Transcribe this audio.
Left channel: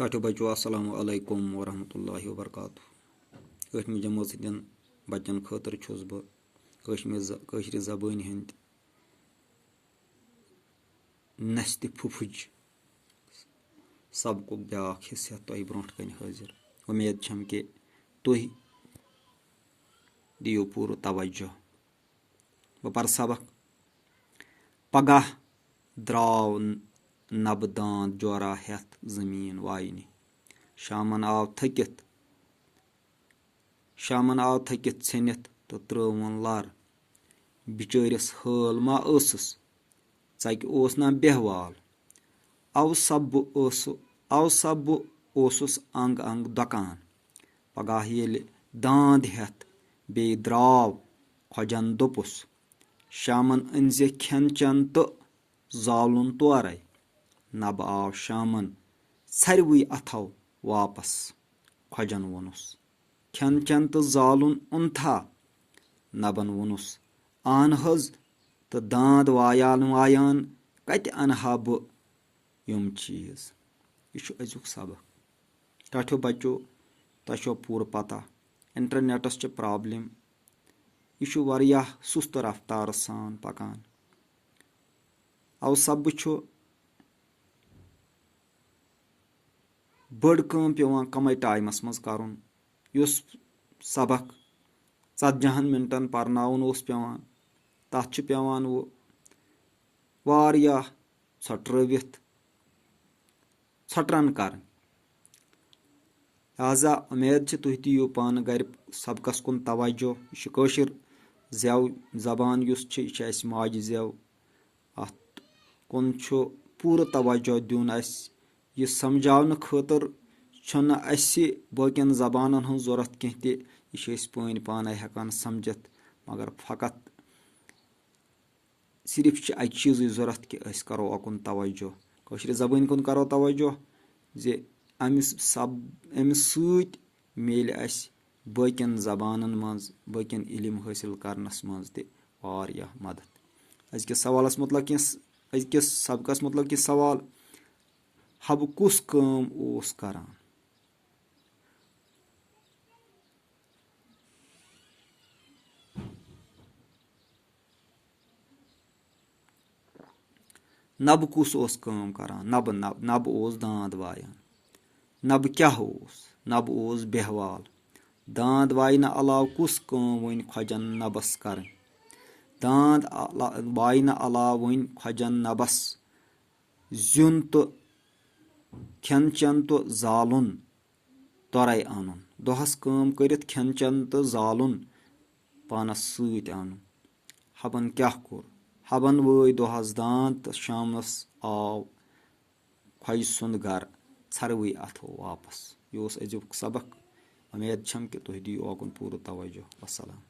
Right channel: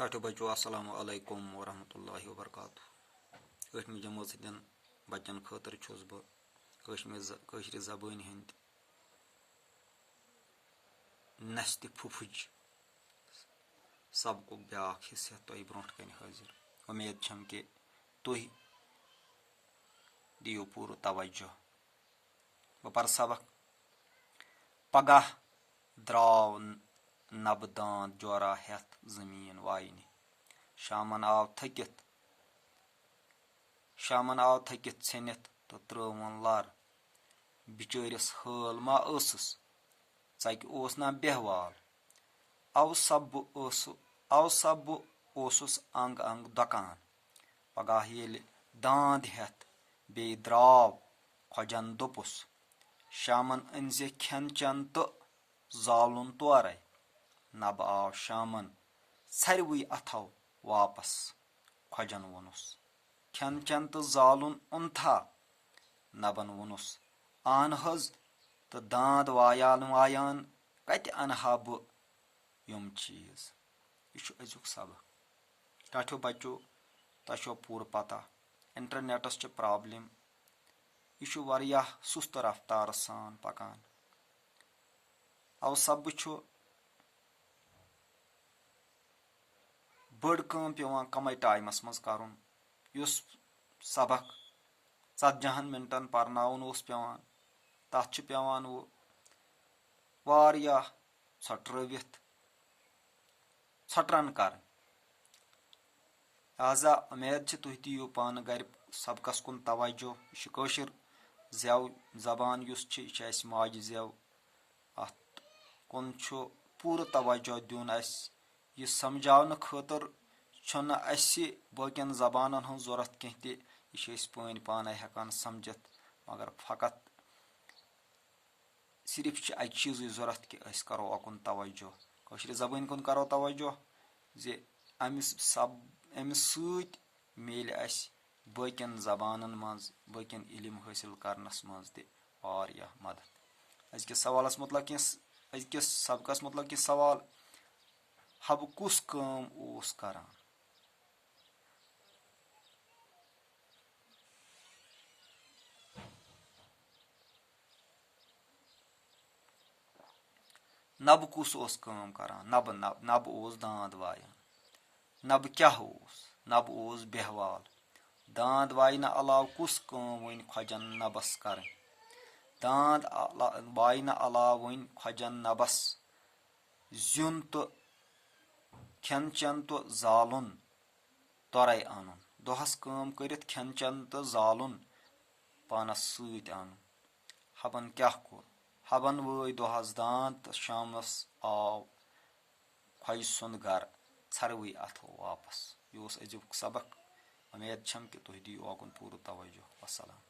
टाटो बचो अस्सलामु अलैकुम वरहमतुल्लाहि वबरकातुहू। ٲٹھمہِ जमात सۭتۍ बच्चन खٲطرٕ چھُس बہٕ کٲشرِ زبٲنۍ ہٕنٛدۍ نستہِ پھُپھٕج سبقُک بیٛاکھ حِصہٕ ہٮ۪تھ تۄہہِ برونٛٹھ کَنہِ حٲضِر. اُمید چھَم کہِ تُہۍ دِیِو پوٗرٕ توجہ. بہٕ پَرٕ سبق. پگاہ درٛاو نبہٕ داند جورا ہٮ۪تھ زٔمیٖن واینہِ. شامن آو تھٔکِتھ ژھیٚنِتھ تہٕ ترٛٲوُن لر. بِچٲرِس حٲل ما ٲسٕس، ژَکہِ اوس نا بہوال. اَوسب بہٕ اوسُس انٛگ انٛگ دۄکان. پگاہ ییٚلہِ داند ہٮ۪تھ بیٚیہِ درٛاو خۄجن دوٚپُس، شامن أنۍزِ کھٮ۪ن چٮ۪ن تہٕ زالُن تورے. نبہٕ آو شامن ژھرِوٕے اَتھو واپس. خۄجن ووٚنُس، کھٮ۪ن چٮ۪ن تہٕ زالُن اوٚنتھا؟ نبن ووٚنُس، اہن حظ، تہٕ داند وایان کتہِ انہٕ ہا بہٕ یِم چیٖز. یہِ چھُ أزیُک سبق. ٹاٹھیو بچو، تۄہہِ چھو پوٗرٕ پتہ انٹرنیٹس چھِ پرابلم. یہِ چھُ واریاہ سُستہٕ رفتارٕ سان پکان. اوسبہٕ چھُ بٔڑ کٲم پیٚوان کمے ٹایمس منٛز کرُن. یُس سبق 40 منٹن پرناوُن اوس پیٚوان، تتھ چھُ پیٚوان وۄنۍ واریاہ ژھۄٹرن کرٕنۍ. لہذا اُمید چھِ تُہۍ دِیِو پانہٕ گرِ سبقس کُن توجہ. یہِ چھِ کٲشِر زٮ۪و زبان یُس چھِ، یہِ چھِ اسہِ ماجہِ زٮ۪و. اتھ کُن چھُ پوٗرٕ توجہ دیُن اسہِ. یہِ سمجھاونہٕ خٲطرٕ چھُنہٕ اسہِ باقین زبانن ہٕنٛز ضروٗرت کینٛہہ تہِ. یہِ چھِ أسۍ پٲنۍ پانے ہٮ۪کان سمجھِتھ. مگر فقط صرف چھِ اکہِ چیٖزٕچ ضروٗرت کہِ أسۍ کرو اُکُن توجہ، کٲشرِ زبٲنۍ کُن کرو توجہ، زِ امہِ سۭتۍ میلہِ اسہِ باقین زبانن منٛز باقین علم حٲصِل کرنس منٛز تہِ واریاہ مدد. أزکِس سبقس متعلق یہِ سوال: حبہٕ کُس کٲم اوس کران؟ نبہٕ کُس اوس کٲم کران؟ نبہٕ اوس داند وایان. نبہٕ کیاہ اوس؟ نبہٕ اوس بہوال. داند واینہٕ علاوٕ کُس کٲم وۄنۍ خۄجن نبس کرٕنۍ؟ داند واینہٕ علاوٕ وۄنۍ خۄجن نبس زیُن تہٕ کھٮ۪ن چٮ۪ن تہٕ زالُن تورے اَنُن. دۄہس کٲم کٔرِتھ کھٮ۪ن چٮ۪ن تہٕ زالُن پانس سۭتۍ اَنُن. حبن کیاہ کوٚر؟ حبن وٲے دۄہس داند تہٕ شامنس آو خۄجہِ سُنٛد گرٕ ژھرِوٕے اَتھو واپس. یہِ اوس أزیُک سبق. اُمید چھم کہِ تُہۍ دِیِو اوکُن پوٗرٕ توجہ. وسلام.